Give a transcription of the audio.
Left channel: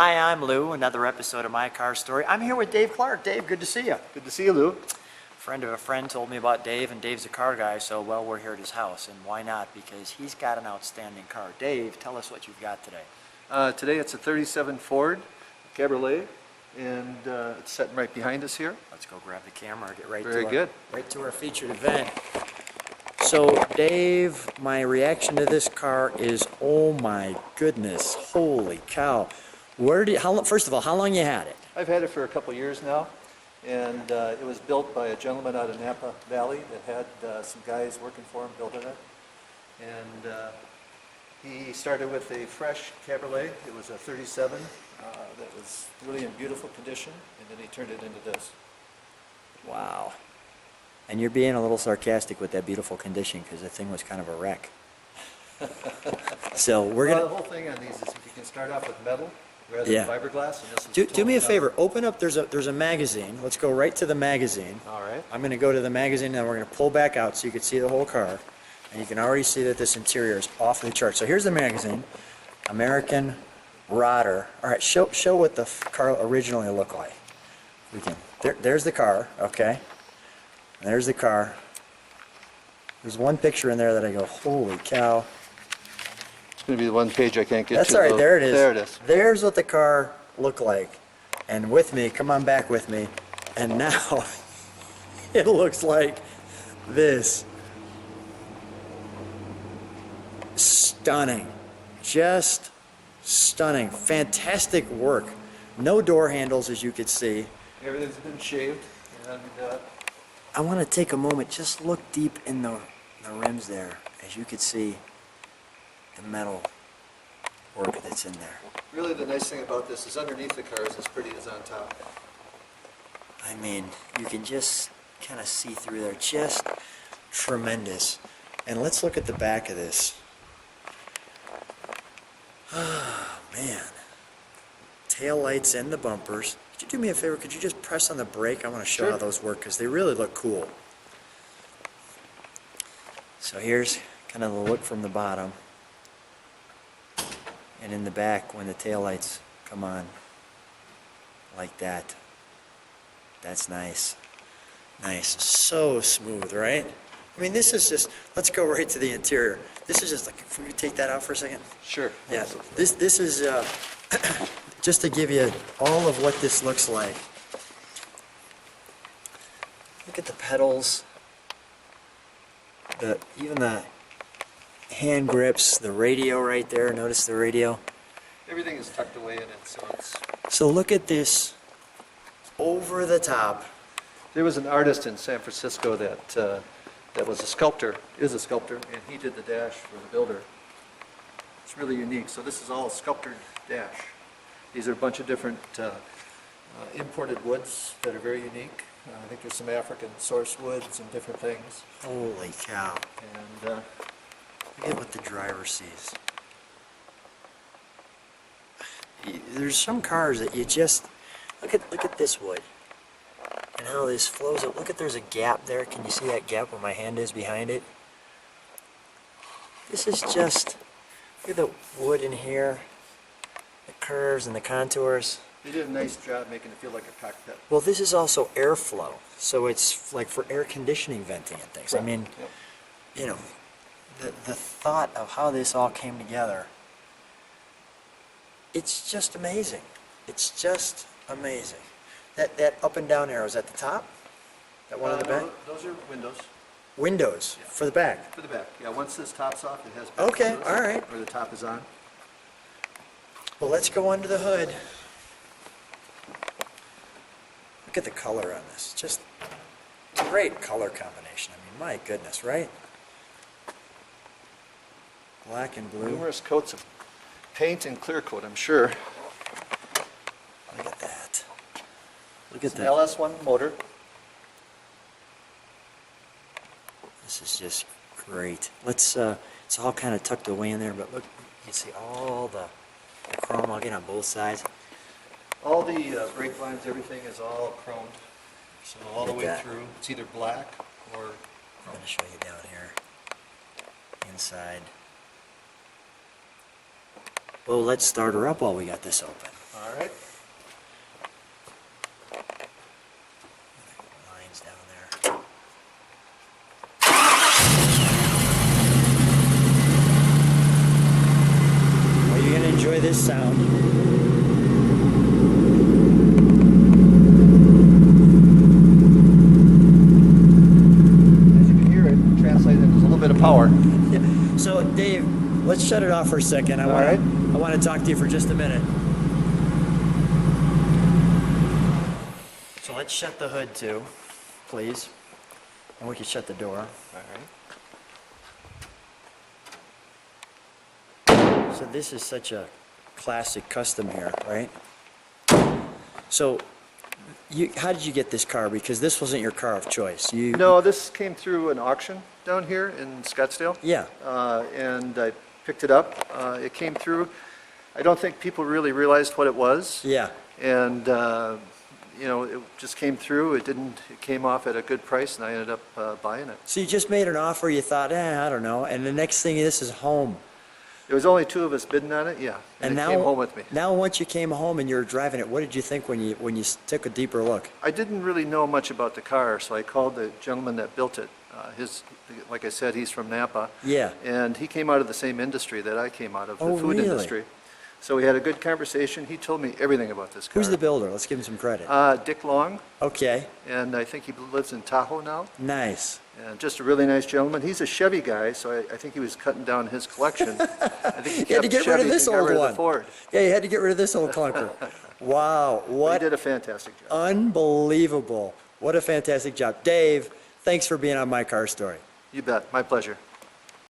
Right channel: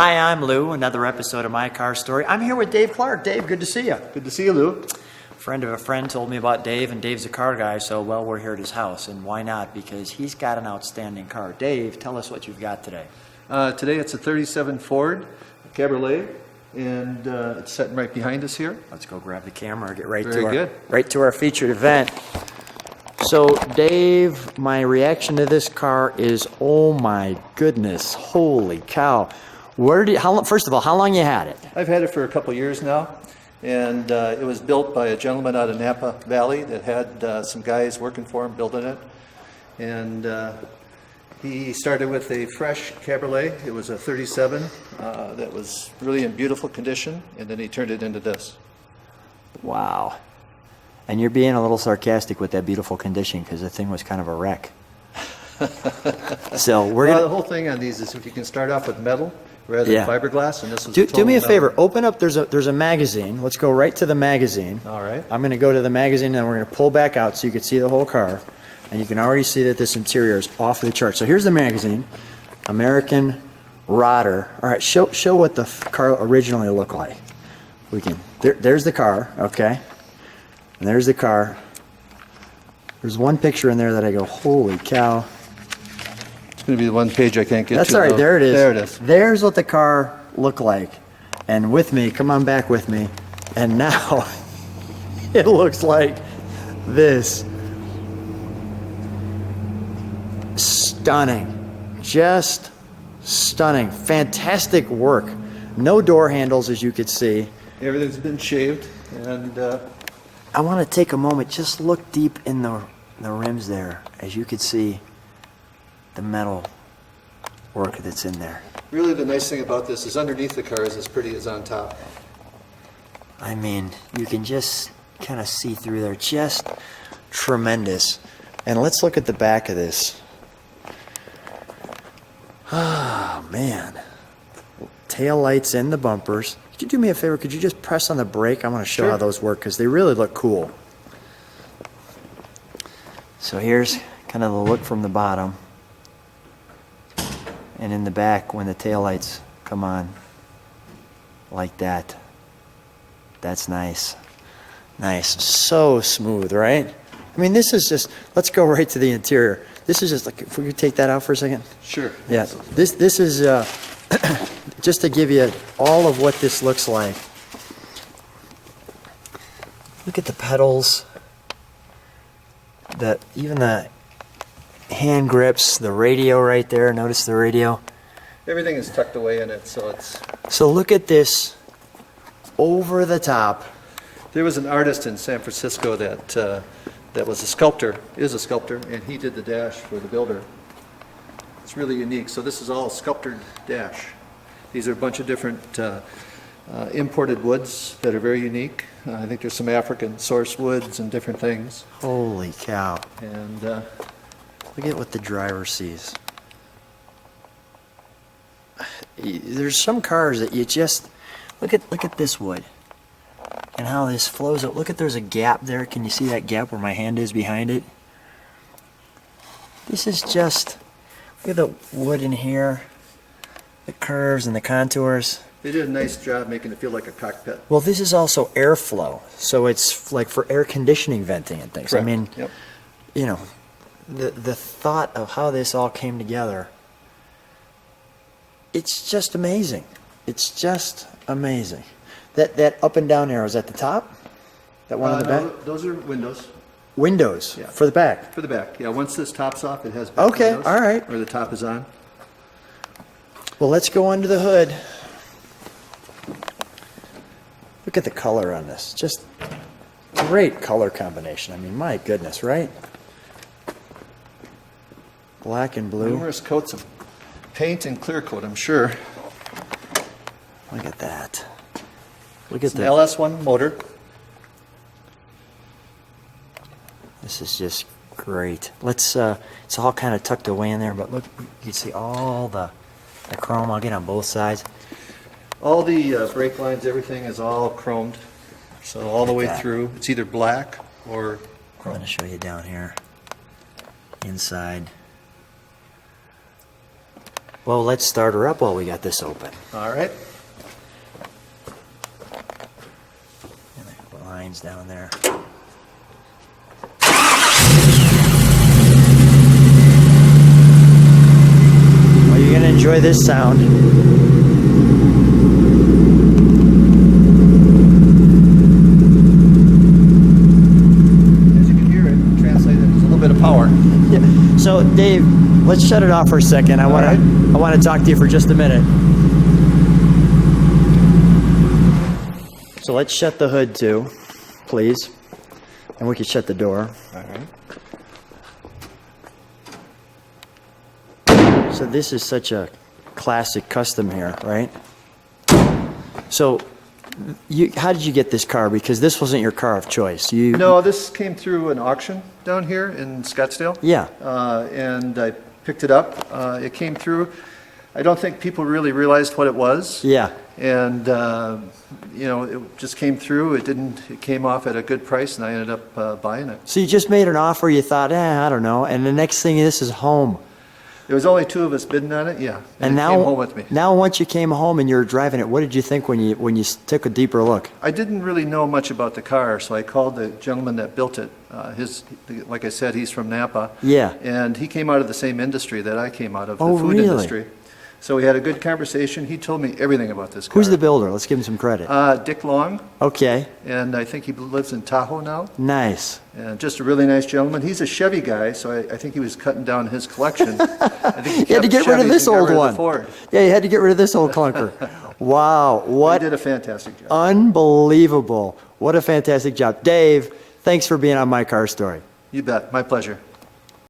Hi, I'm Lou, another episode of My Car Story. I'm here with Dave Clark. Dave, good to see you. Good to see you, Lou. Friend of a friend told me about Dave, and Dave's a car guy, so well, we're here at his house. And why not? Because he's got an outstanding car. Dave, tell us what you've got today. Today it's a 37 Ford Cabriolet, and it's sitting right behind us here. Let's go grab the camera, get right Very to good. right to our featured event. So, Dave, my reaction to this car is, oh my goodness, holy cow. First of all, how long you had it? I've had it for a couple years now, and it was built by a gentleman out of Napa Valley that had some guys working for him building it. And he started with a fresh Cabriolet. It was a 37 that was really in beautiful condition, and then he turned it into this. Wow. And you're being a little sarcastic with that beautiful condition because the thing was kind of a wreck. So the whole thing on these is if you can start off with metal rather than fiberglass, and this was do me a favor. Open up. There's a magazine. Let's go right to the magazine. All right. I'm going to go to the magazine, and we're going to pull back out so you can see the whole car, and you can already see that this interior is off the chart. So here's the magazine, American Rodder. All right. Show what the car originally looked like. We can. There's the car. Okay. And there's the car. There's one picture in there that I go, holy cow. It's going to be the one page I can't get to. That's all right, there it is. There it is. There's what the car looked like. And with me, come on back with me. And now, it looks like this. Stunning. Just stunning. Fantastic work. No door handles, as you could see. Everything's been shaved, and I want to take a moment, just look deep in the rims there. As you can see, the metal work that's in there. really the nice thing about this is underneath the car is as pretty as on top. I mean, you can just kind of see through there. Just tremendous. And let's look at the back of this. Oh, man. Tail lights in the bumpers. Could you do me a favor? Could you just press on the brake? I want to show how those work because they really look cool. So here's kind of the look from the bottom. And in the back, when the tail lights come on, like that. That's nice. Nice. So smooth, right? I mean, this is just, let's go right to the interior. This is just, like, if we could take that out for a second. Sure. Yeah. This is just to give you all of what this looks like. Look at the pedals. Even the hand grips, the radio right there. Notice the radio. Everything is tucked away in it, so it's... So look at this over the top. There was an artist in San Francisco that was a sculptor, is a sculptor, and he did the dash for the builder. It's really unique. So this is all sculptured dash. These are a bunch of different imported woods that are very unique. I think there's some African source woods and different things. Holy cow. And look at what the driver sees. There's some cars that you just look at this wood and how this flows up. Look at, there's a gap there. Can you see that gap where my hand is behind it? This is just, look at the wood in here, the curves and the contours. they did a nice job making it feel like a cockpit. Well, this is also airflow, so it's like for air conditioning venting and things. Correct. I mean, Yep. you know, the thought of how this all came together, it's just amazing. It's just amazing. That up and down arrow is at the top? That one on the back? No, those are windows. Windows for the back. For the back. Yeah, once this tops off, it has back Okay, windows, all right. or the top is on. Well, let's go under the hood. Look at the color on this. Just great color combination. I mean, my goodness, right? Black and blue. Numerous coats of paint and clear coat, I'm sure. Look at that. Look at It's an the. LS1 motor. This is just great. Let's. It's all kind of tucked away in there, but look, you can see all the chrome. I'll get on both sides. All the brake lines, everything is all chromed. So all the way Okay. through, it's either black or I'm chrome. going to show you down here. Inside. Well, let's start her up while we got this open. All right. The lines down there. Well, you're gonna enjoy this sound. As you can hear it translated, there's a little bit of power. Yeah. So, Dave, let's shut it off for a second. I want to talk to you for just a minute. So let's shut the hood too, please. And we can shut the door. All right. So this is such a classic custom here, right? So how did you get this car? Because this wasn't your car of choice. No, this came through an auction down here in Scottsdale. Yeah. And I picked it up. It came through. I don't think people really realized what it was. Yeah. And, you know, it just came through. It came off at a good price, and I ended up buying it. So you just made an offer, you thought, I don't know, and the next thing, this is home. There was only 2 of us bidding on it, yeah. And it now, came home with me. Now, once you came home and you were driving it, what did you think when you took a deeper look? I didn't really know much about the car, so I called the gentleman that built it. Like I said, he's from Napa. Yeah. And he came out of the same industry that I came out of, Oh, the food really? industry. So we had a good conversation. He told me everything about this car. Who's the builder? Let's give him some credit. Dick Long, Okay, and I think he lives in Tahoe now. nice. And just a really nice gentleman. He's a Chevy guy, so I think he was cutting down his collection. I think he You had kept to get rid of Chevys this and got old rid of one. the Ford. Yeah, you had to get rid of this old clunker. Wow, He what did a fantastic job. unbelievable. What a fantastic job. Dave, thanks for being on My Car Story. You bet. My pleasure.